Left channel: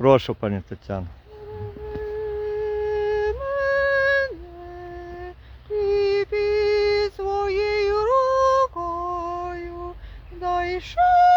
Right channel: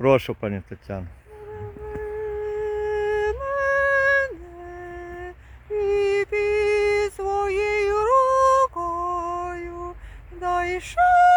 Прошу, пані Тетяно. І під своєю рукою дай шанс.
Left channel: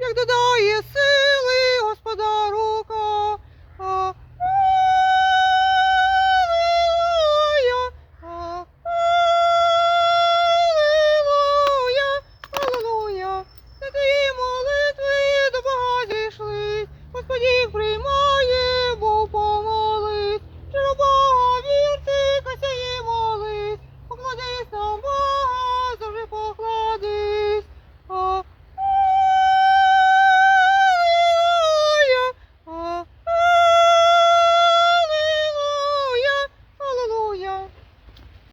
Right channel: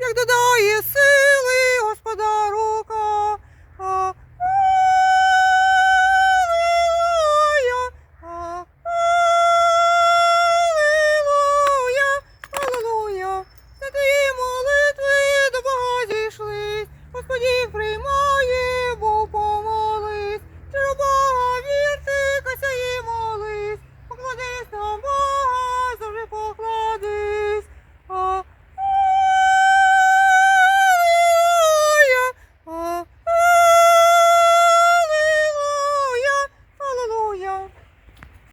як додає сили, Господа рука. А, Аллилуйя, а, Аллилуйя, твої молитви до Бога зійшли, господі приймай.